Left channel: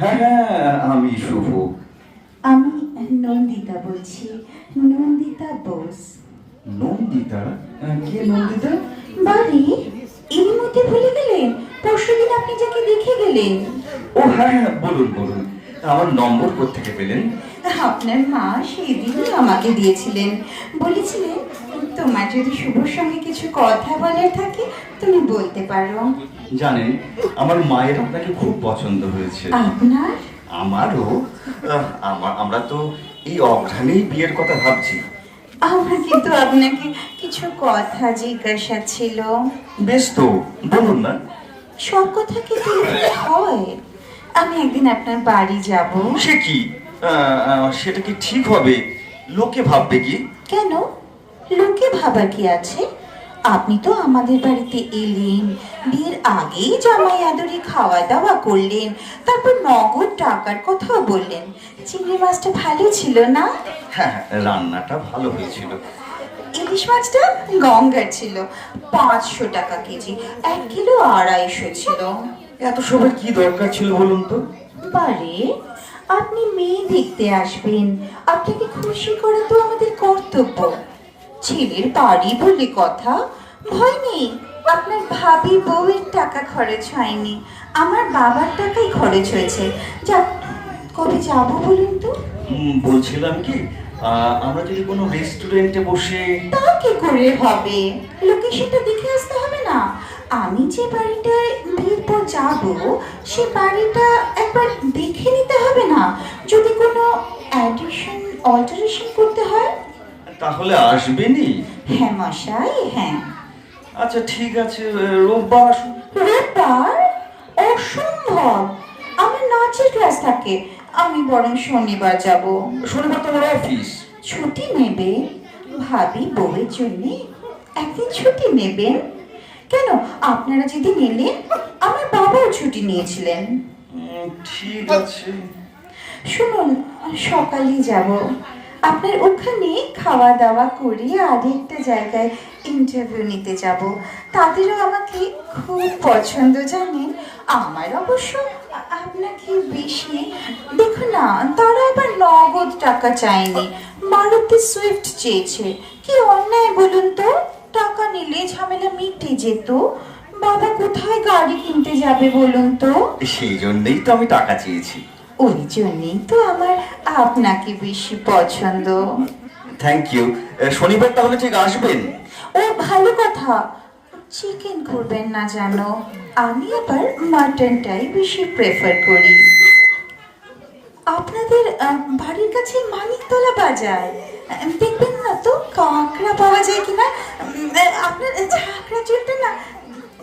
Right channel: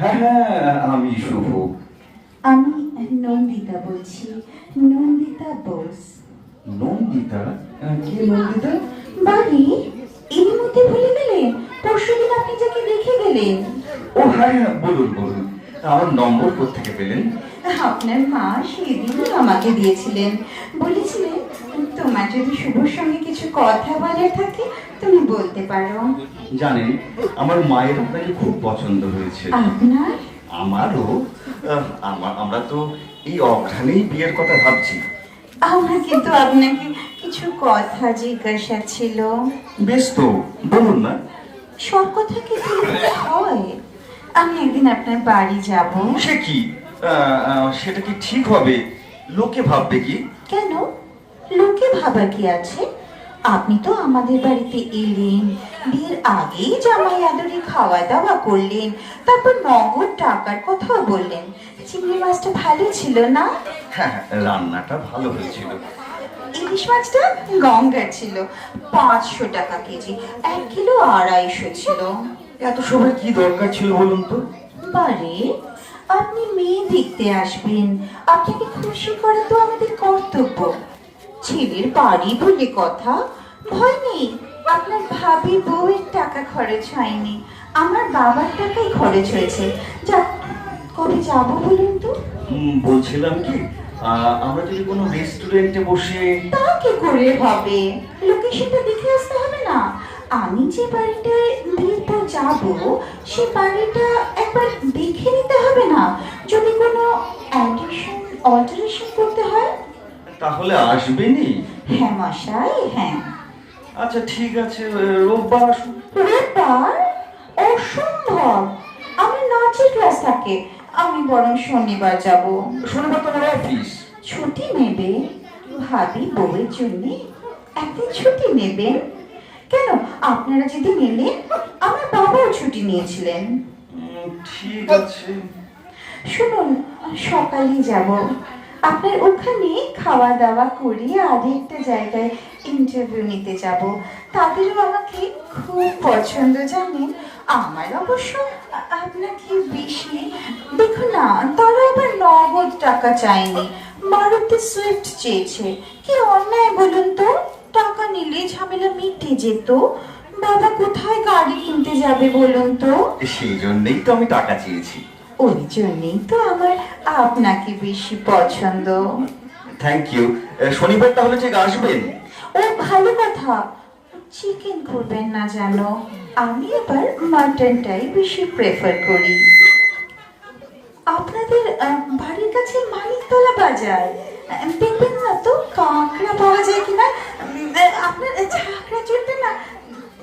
হ্যাঁ হ্যাঁ, আমি শুভ। আমি নন্দিতা বলছি, নন্দিতা বোস। নন্দিতা? কে নন্দিতা? বাড়ি এর মধ্যে ভুলে গেলেন? পরশুদিন আপনি যাকে দেখে গেলেন। ও হ্যাঁ হ্যাঁ, বলুন বলুন। আমার নম্বর কোত্থেকে পেলেন? আপনার মা সেদিন আমাকে দিয়েছিলেন, বলেছিলেন তোমার যদি শুভর সঙ্গে কিছু কথা বলার থাকে তুমি বলতে পারো। জানেন, আমার মায়ের আপনাকে খুব পছন্দ হয়েছে। আপনার? আমারও। আমরা তো এই অঘ্রাণেই বিয়ের কথা ভাবছি। আমার কিন্তু আপনাকে কিছু কথা জিজ্ঞাসা ছিল। বেশ তো, বলুন না। সব কথা কি বলতে হয়? আমি একদিন আপনার বাড়ি যাব। সে কি? সেটা কি ঠিক হবে? লোকে ভাববে কি? কেন? লোকে ভাবার কি আছে? আপনি তো আমাদের বাড়িতে এলেন, বিয়ের আগেই জামাই আদরে খাওয়া দাওয়া করলেন, তারপর নগদ টাকার কথাও বললেন। চিংড়ি মাছটা ভালো ছিল না? হ্যাঁ, রান্নাটা ভালো হয়েছিল। ইলিশ মাছটা গঙ্গার ছিল, 500 টাকা কেজি, 1 কিলো 250 ছিল। এত সবার কি দরকার ছিল বলুন তো? বারে, আপনি মেয়ে দেখতে আসবেন, আপনাকে খুশি করা তো আমাদের কর্তব্য। ছেলের বাড়ি বলে কথা, ভয় নেই। আপনার ভাবি বউয়ের টাকা খরচ হয়নি, আমার বাবার টাকাই খরচ হয়েছে। যা, কবে যাবো বলুন তো? বলছিলাম কি, আমরা যদি কোনো রেস্টুরেন্টে বসে। তা কি করে হবে? লোকেশনটা দেখে আসতে হবে না? আমি যে বাড়িটায় বিয়ের পর যাবো সে বাড়িটা একবার দেখে নিতে হবে না? যদি কোনো অ্যাডিশন অল্টারেশন করতে হয়। তাহলে আসবেনই? হ্যাঁ মশাই, হ্যাঁ। আচ্ছা ঠিক আছে, রোববার আসুন। রোববার? অসম্ভব, আমার নাচের ক্লাস থাকে। আমি বরং শনিবার যাব। শনিবার তো আমার অফিস। ছুটি নেবে? ভাবি বউয়ের জন্য একদিন ছুটি নেবেন? কেন, আপনারা যেদিন এলেন আমার বাবাও ছুটি নিয়েছিলেন। ঠিক আছে। শুনুন, সকালে যাব, আপনার ওখানে খাওয়া দাওয়া করে আরেকটা জায়গায় ইন্টারভিউ নিতে যাব। তাদেরও আমাকে খুব পছন্দ জানেন। আমার অবশ্য আপনাকে বেশি দেখুন না, তারা এবার নগদ টাকা চায়নি, মারুতি সুইফট চেয়েছে। কি অন্যায় বলুন তো? টাকা নিলে ঝামেলা মিটে যেত। বাবা কোথায় গাড়ি কিনতে যাবে বলুন তো? সেই জন্যই তো আমি টাকা চেয়েছি। ওই জন্যই তো আমার আপনাকে বেশি পছন্দ। Thank you. শনিবার তাহলে ঠিক আসবেন? ও ভালো কথা। চিকেন করবেন না জানো, আমি আবার মাটনটাই বেশি প্রেফার করি। আপনাদের বাড়ির কাছে মানিকতলা বাজার, দেখবেন না তো কাঁকড়া পাওয়া যায় কিনা। আপনার ঝাঁকড়া চুলটা না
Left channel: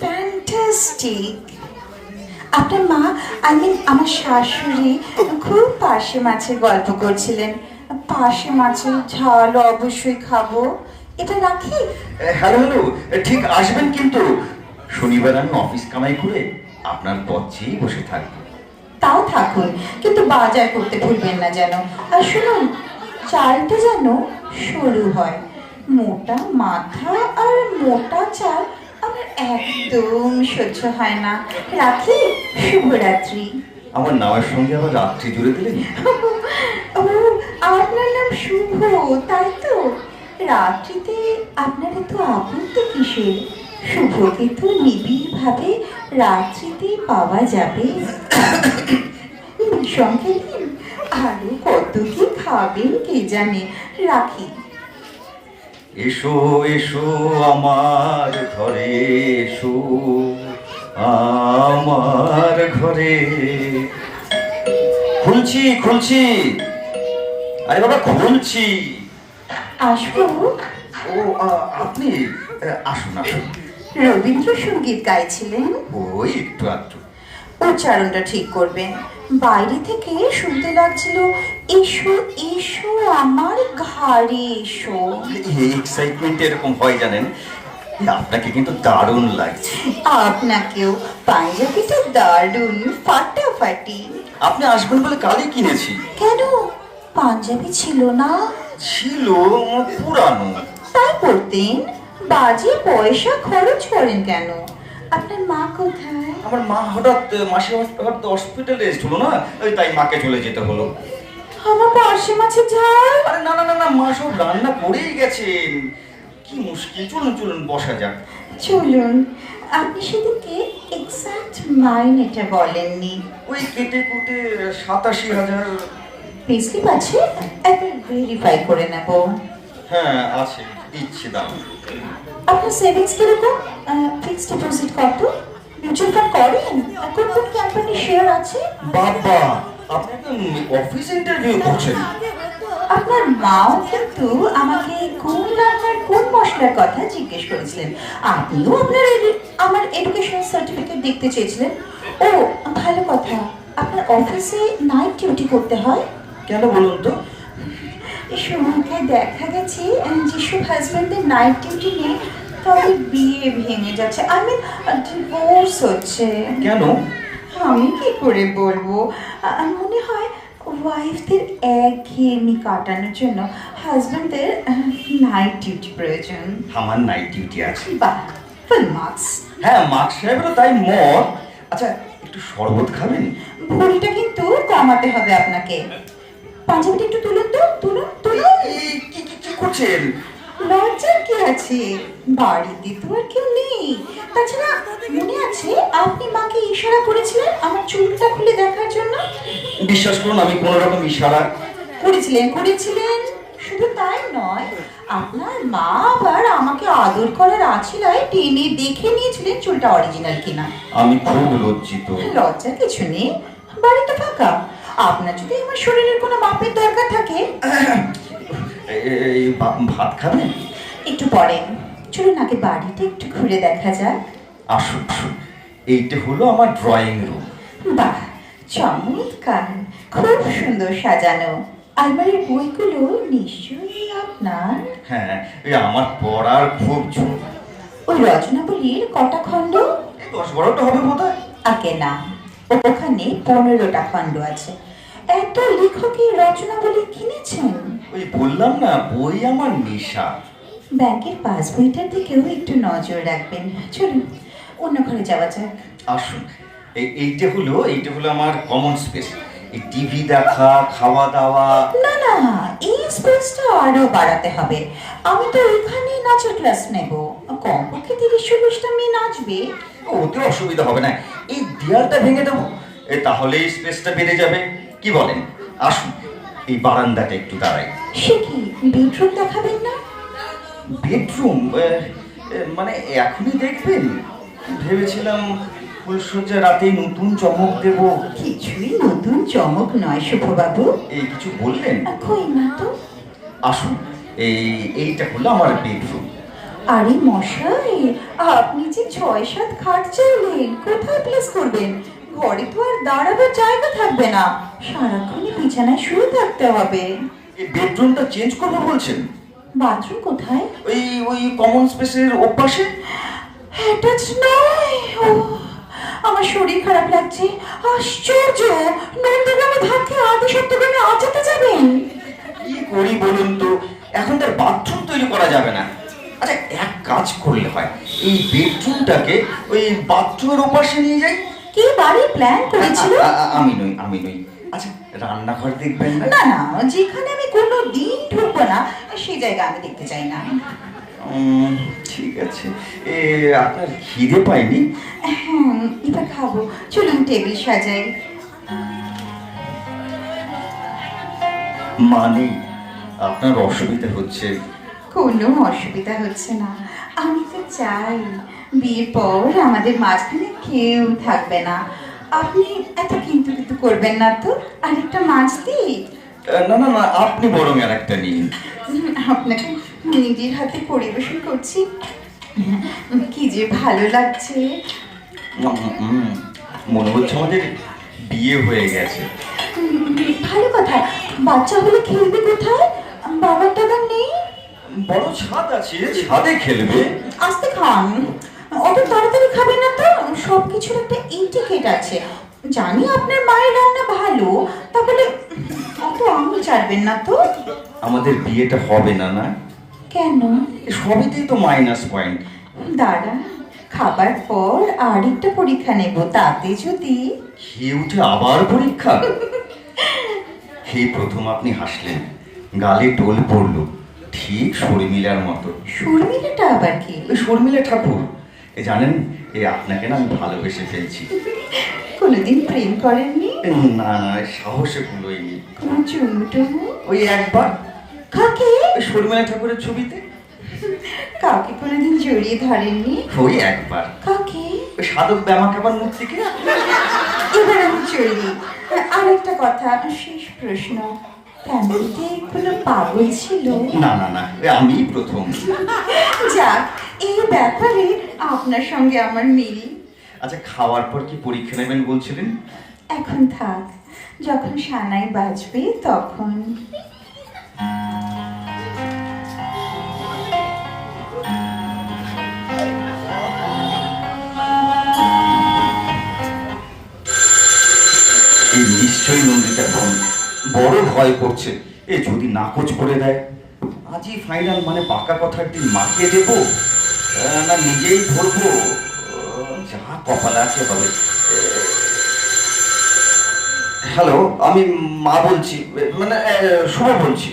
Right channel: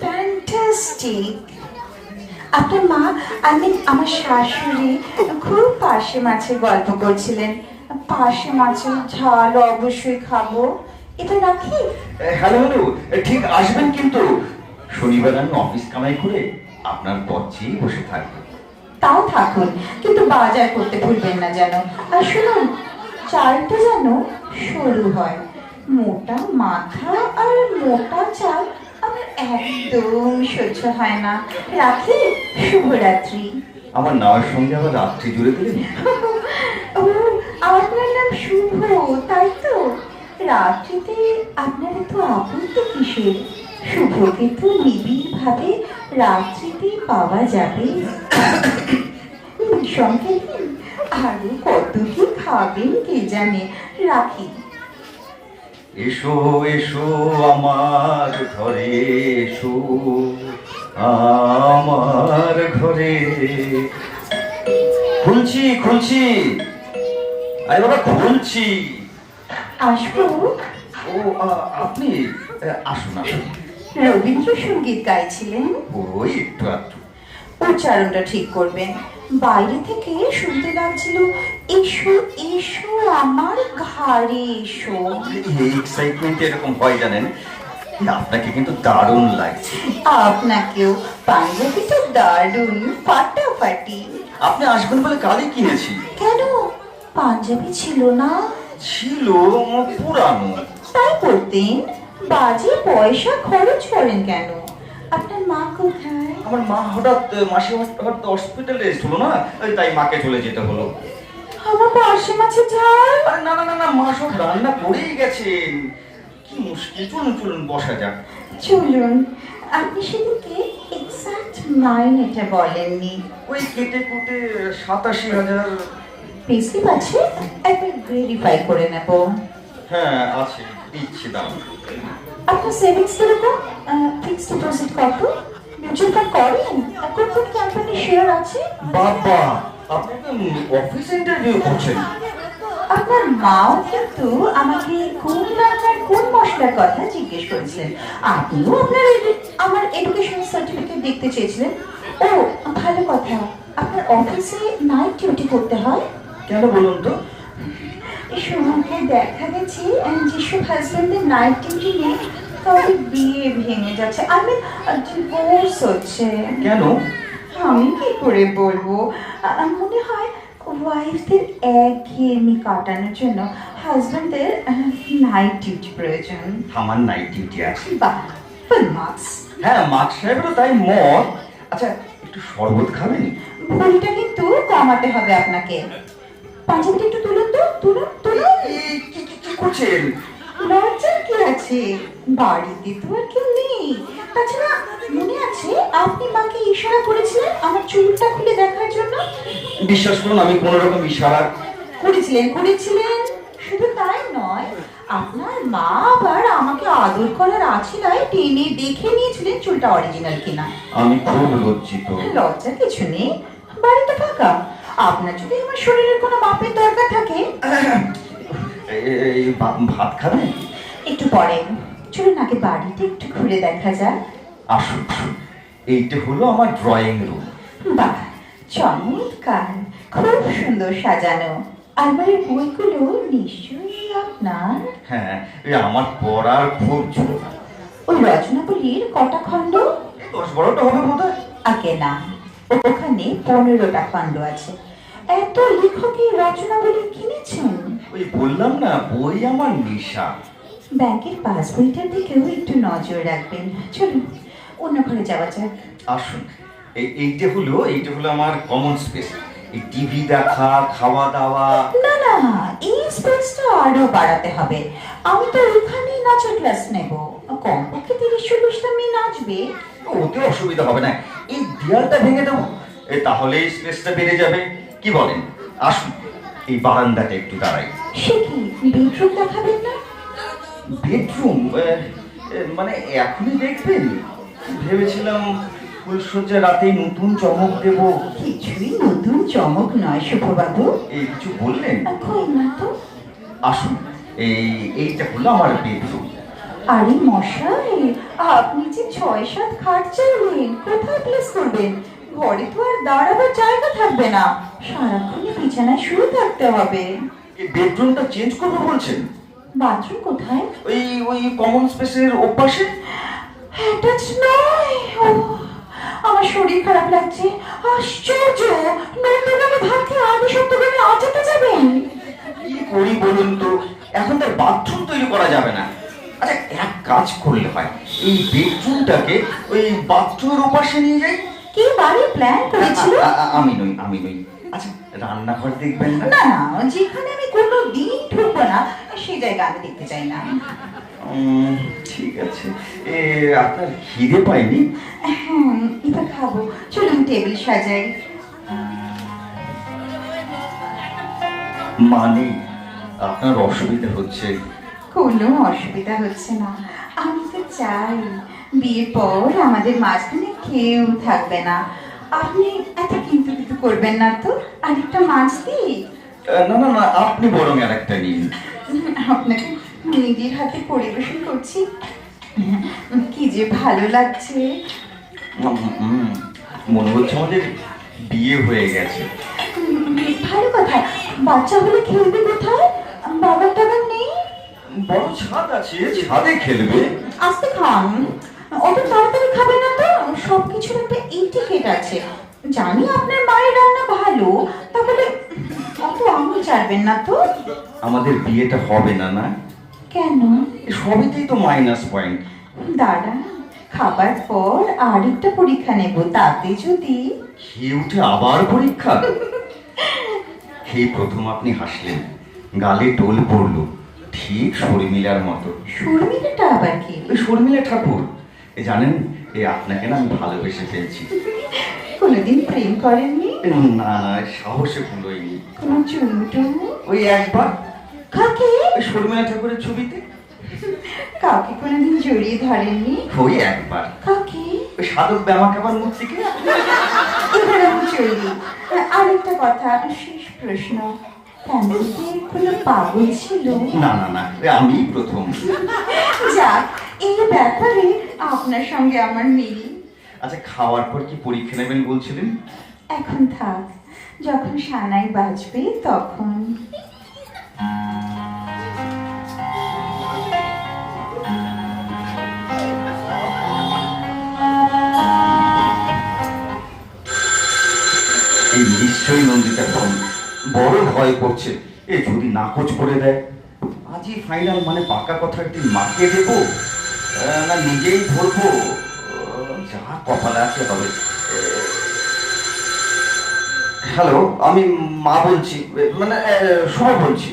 ফ্যান্টাস্টিক। আপনার মা, আমার শাশুড়ি খুব পার্শে মাছের গল্প করছিলেন। পার্শে মাছের ঝাল অবশ্যই খাবো। এটা রাখি? হ্যালো হ্যালো, ঠিক আসবেন কিন্তু। শনিবার আমি অফিস কামাই করে আপনার পথেই বসে থাকবো। তাও থাকুন, কিন্তু বাজার করতে ভুলবেন না যেন। আর শুনুন, চালটা যেন সরু হয়। মোটা মাথা আর মোটা চাল আমার একদম সহ্য হয় না। রাখি? শুভরাত্রি। আমার নামের সঙ্গে আবার রাত্রি জুড়ে দিলেন। ও, আপনার নাম শুভ, তাই তো? রাত্রিতে আপনার এত আপত্তি কিসের? শুভকে তো নিবিড় ভাবে রাত্রিতে পাওয়া যাবে। সঙ্গে আরো কত কি খাবেন কে জানে। রাখি। এসো এসো আমার ঘরে, এসো আমার ঘরে। খুলছি খুলছি, আরে বাবা খুলছি। আসবো? ও আপনি আসুন আসুন। রবীন্দ্রসঙ্গীত গাইছিলেন? ওই একটু একটু। উচ্চারণটা ঠিক করবেন। বাইরে থেকে শুনতে লাগছিল এসো এসো আমার ঘাড়ে এসো। এই এক্সাইটমেন্ট এরকম হয় জানেন। আপনাকে কিন্তু দারুণ লাগছে। আপনাকেও। পাঞ্জাবিটা দারুণ ফাটাফাটি। আপনি আসবেন বলে কালই কিনেছি। কেন, পাঞ্জাবি ছিল না? ছিল, পুরানো। তাই পড়তেন? বাজে পয়সা খরচ করেন কেন? আপনার মা কোথায়? আমার মা হঠাৎ মাসি হঠাৎ হসপিটালে এসেছিল না, ওই তাই মাকে চলে যেতে হলো। আমার পাশে মাছে ঝাল। আরে না না না না, মা সব রান্না করেই গেছেন। কি মুশকিল, চলুন চলুন বসা যাক। চলুন, আপনি সেদিকে এক্সাক্ট মাইনেটা বলেননি। ওই কেটে কুটে 87,000। পেস্লিপ আছে, একবার ভেরিফাই করে নেব। হ্যাঁ আছে, দিচ্ছি দাম। আপনার সেভিংস কিরকম? ফিক্সড ডিপোজিট কত? মিউচুয়াল ফান্ড করেন? কোন কোন কোম্পানির শেয়ার আছে? বাবা, আপনি তো অফিস ইন্টারভিউ করছেন। আপনার মাও কিন্তু আমাকে কোন রান্নার কোন মশলার কথা জিজ্ঞেস করেছিলেন। আপনিও আমার এডুকেশন সার্টিফিকেট দেখতে চেয়েছিলেন। ও ভালো কথা, আপনার অফিসে নাইট ডিউটি করতে হয়? কেন বলুন তো? শুনতে দেখা গেছে যেসব হাজবেন্ডের নাইট ডিউটি নেই তাদের বিয়ে ভেঙে যাচ্ছে, আমি ডিভোর্স হচ্ছে। কেন? আমি কি করে বলবো, মনে হয় ওয়াইফদের একঘেয়েমি কাটানোর জন্য হাজবেন্ডদের নাইট ডিউটি প্রয়োজন। আমার নাইট ডিউটি আছে। বাহ, ফুল মার্কস। হ্যাঁ, মার্ক সাহেবেরও তাই মত। আচ্ছা, একটু শরবত খাবেন? ভুঁড়িটা কিন্তু কমাতে হবে আপনাকে। পাঞ্জাবিটা একটু তুলুন তো, তুলুন তুলুন। কি করছেন? লজ্জার কি আছে, বাড়িতে তো আর কেউ নেই। তাছাড়া মনে আছে আপনি মাকে ইশারা করেছিলেন আমার চুলটা খুলে দেখার জন্য? বিশ্বাস করুন, আমি কোনো রকম ইশারা করেছিলেন। শুধু তাই নয়, আপনার মা আবার আমাকে আদর করার আছিলায় টেনে দেখে নিয়েছিলেন চুলটা অরিজিনাল কিনা। আমি খুব লজ্জিত। লজ্জার কিছু নেই, বাড়ি তো ফাঁকা। আপনার যদি আমার শরীরের কোনো মাপের দরকার থাকে, এই ভাত খাবেন? একটু পরে। চলুন আগে বাড়িতে একটু ঘুরে দেখা যাক। আসুন আসুন, এইটা হলো আমার ড্রয়িং রুম। বাহ, চমৎকার, খুব সুন্দর সাজানো। আলমারির বইগুলো নিশ্চয়ই আপনার। হ্যাঁ, এই আমার পড়ার খুব জোর। ওই রচনাবলীর কটা খণ্ড? 10-12টা হবে বোধহয়। আগে না, ওখানে 15টা খণ্ড আছে। এত লেখকের রচনাবলী কিনেছেন? ওই বললাম না, বই আমার নেশা। ব্যাংকের পাসবইটার দিকেও একটু নজর রাখবেন। চলুন অন্য ঘরে যাওয়া যাক। আসুন, এইটা হলো আমার কমন স্পেস। এই টিভি দেখা, খাওয়া দাওয়া। না না, এই স্পেসটা আরো বাড়াতে হবে। আমি তো এখানে নাচের ক্লাস নেব, কমপক্ষে 30-40টা মেয়ে নাচবে। ওতে অসুবিধা হবে না, এই দেয়ালটা ভেঙে দেবো, তাহলে স্পেসটা বেড়ে যাবে। কি বলেন? আসুন, এই বারান্দাটা একটু দাঁড়াই। সে কি, বেডরুম দেখাবেন না? বেডরুম মানে এখনই দেখবেন? ভেবেছিলাম ফুলসজ্জা রাতেই নতুন চমক দেব। কিছুই নতুন চমক নয় শুভবাবু। এই কিছু বললেন? কই না তো। আসুন, এইটা হলো আমার বেডরুম। আরে মশাই, আপনি যে 6-7 খাট চাইলেন, কোথায় প্লেস করবেন? ঘরে তো আর দাঁড়াবার জায়গা থাকবে না, সারাক্ষণই বিছানায় শুয়ে থাকতে হবে। এই বেডরুমটা চেঞ্জ করবো বলছেন? বাথরুম কোথায়? ওই কমন স্পেসের ওপাশে। অ্যাটাচ নয়। ও, আমার শরীর খারাপ লাগছে। আশ্চর্য, নন্দগ্রামে ভাত খেয়ে আদি সপ্তগ্রামে আজাতে যাবেন? কি করি বলুন তো, এখন তার বাথরুম তৈরি করা যাবে না। আচ্ছা, এক কাজ করলে হয়, এই বেডরুমটাকে ওই বাথরুমের ওপাশে নিয়ে যাই। কি বাড়ির প্ল্যান করেছিল? আমি নই। আচ্ছা, রান্নাঘর দেখবেন না? না না, যেখানে আমি কোনো দিন ঢুকবো না সেই জায়গা আমি দেখতে চাই না। ঠিক আছে। আপনার খিদে পাইনি? এবার খাবো, চলুন টেবিল সাজাই। মানে আপনার অসুবিধা হচ্ছে? কোনো অসুবিধা হচ্ছে না। আমি তো চাই বিয়ের পর আমাদের মাঝখানে কেউ থাকবে না। আপনি এত কিন্তু কিন্তু করবেন না তো। আরেকটা মাছ দিই? না না না, আপনি বরং আর একটা নিন। আপনাকে নিজের হাতে পরিবেশন করছি, কি যে ভালো লাগছে। মনে হচ্ছে আমাদের বিয়ে হয়ে গেছে। ভালো কথা, বাচ্চা হলে খেলবে কোথায়? বাবার টাকা নেই। বড় ছাদ আছে, ছাদে খেলবে। আস্তে খান, অত তাড়াতাড়ি খাবে না তো। সবকিছুর একটা ইন্ডিকেট আছে। জানি আপনার মায়ের রান্না ভালো, তাহলে অত আঙুল চাটবেন না তো। আমাদের বিয়েটা হবে না? না কেন? সবেতেই তো মাইনাস পয়েন্ট। দাঁড়া, খাবার পর আরেকটা পরীক্ষা নেব, তাতে যদি খেয়ে উঠে আবার পরীক্ষা? খেয়ে প্রথম আপনি হাসলেন, গালে টোল পড়লো, ঠিক শর্মিলার মতো। শর্মিলাটা আবার কি? ওই শর্মিলা ঠাকুর, জানেন আপনাকে না আমি ভালোবেসে ফেলছি। কোনোদিন প্রেম করেননি? না, সাহসে কুলোয়নি। কোনো চুমু টুমু? ওই একবার কাকে? ওই শর্মিলা ঠাকুরের ছবিতে। কাউকে কোনোদিন জড়িয়ে ধরেননি? ওই একবার কাকে? ওই সাধক ব্যামাকাবার মূর্তিকে। এবার আমি চলি। আরেকটা কথা, শেষ প্রশ্ন, ফ্যামিলিতে কোনো পাগল ছিল? না না না, আমি প্রথম। যাক, এই ব্যাপারে আপনার সঙ্গে আমার মিল। আচ্ছা, খাওয়ার পর কি পরীক্ষা নেবেন বলছিলেন? এখন থাক, যখন সানাই বাজবে তখন। এই নিশ্চয়ই নন্দিতা বোন বড় ভয় করছে, এ যদি নাকচ করে দেয়। আজই ফাইনাল, মানে পাকা কথার দিন মাকে দেবো না নিজেই ধরবো, যা কপালে আছে হবে। হ্যালো, আমি মা বলছি, মানে শোভা বলছি।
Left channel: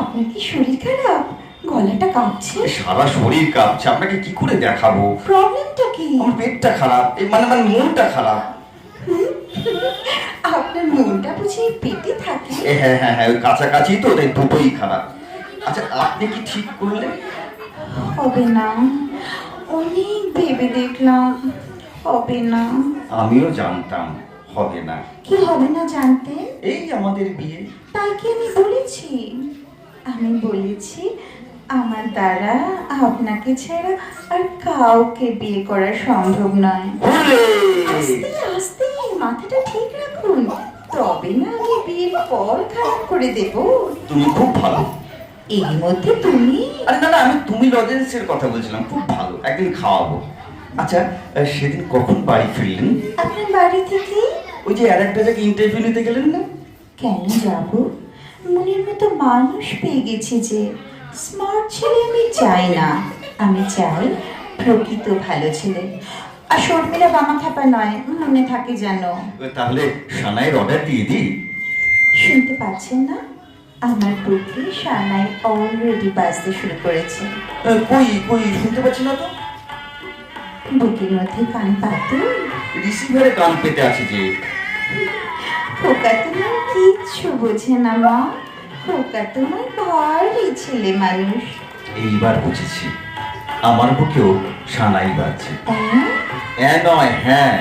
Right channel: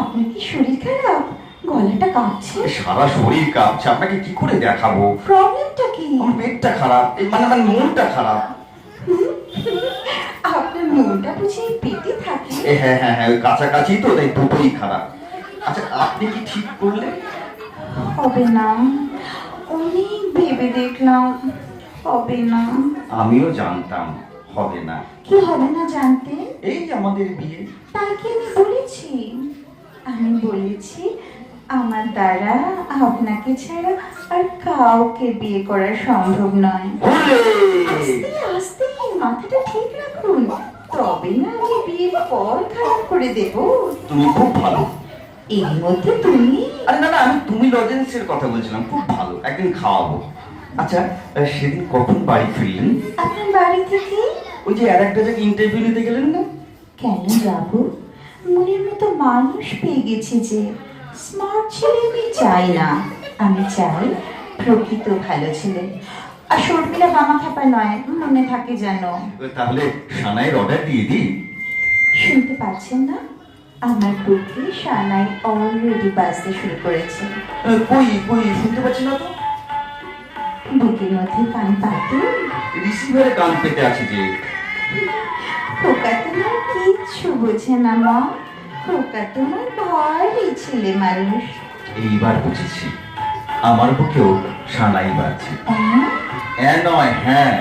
আপনার কি শরীর খারাপ? গলাটা কাঁপছে। সারা শরীর কাঁপছে, আপনাকে কি করে দেখাবো? প্রবলেমটা কি? আমার পেটটা খারাপ, মানে মানে মনটা খারাপ। আপনার মনটা বুঝি পেটে থাকে? হ্যাঁ হ্যাঁ হ্যাঁ, ওই কাছাকাছি তো, তাই দুটোই খারাপ। আচ্ছা, আপনি কি ঠিক করলেন? হবে না, অনেক ভেবে দেখলাম, হবে না। আমিও জানতাম হবে না। কি হবে না জানতে? এই আমাদের বিয়ে। তাই কি আমি বলেছি? আমি বলেছি আমার দ্বারা আপনাকে ছাড়া আর কাউকে বিয়ে করা সম্ভব নয়। আস্তে আস্তে মাথাটা ঠিক রাখুন, তবে না আমি বিয়ের পর খারাপ করে দেব। তুমি খুব ভালো। এর মধ্যে তুমি? আরে না না, আমি তুমি লজেন্সের কথা বলছিলাম, খুব ভালো, একদিন খাওয়াবো। আচ্ছা, সেদিন কখন বাড়ি ফিরলেন? আপনার বাড়ি থেকে? ওই যে আর একটা জায়গায় ইন্টারভিউ নিতে গেলেন না? কেন যাব? মনের মতো মানুষ পেয়ে গেছি যে। স্মার্ট ছেলে আমি চাই না, আমি চাই প্রকৃত ভালো ছেলে। আর শর্মিলা বামা খাপা নয়, মনে থাকে যেন। তাহলে সানাইয়ের অর্ডার দিয়ে দিই। শুনতে পাচ্ছেন না? আমার বুকে সানাই অলরেডি বাজতে শুরু করেছে। কই কই, শুনতে পাচ্ছি না তো। বুকের মধ্যে কান পাতুন। রিসিভারে কান পেতে আছে যে। খোকা তোমার কিচ্ছু বোঝে না মা, খোকা তোমার ভারী ছেলে মানুষ। এইবার বুঝেছি, আমার বুকেও সানাই বাজছে। তাই না? নয়, হ্যাঁ।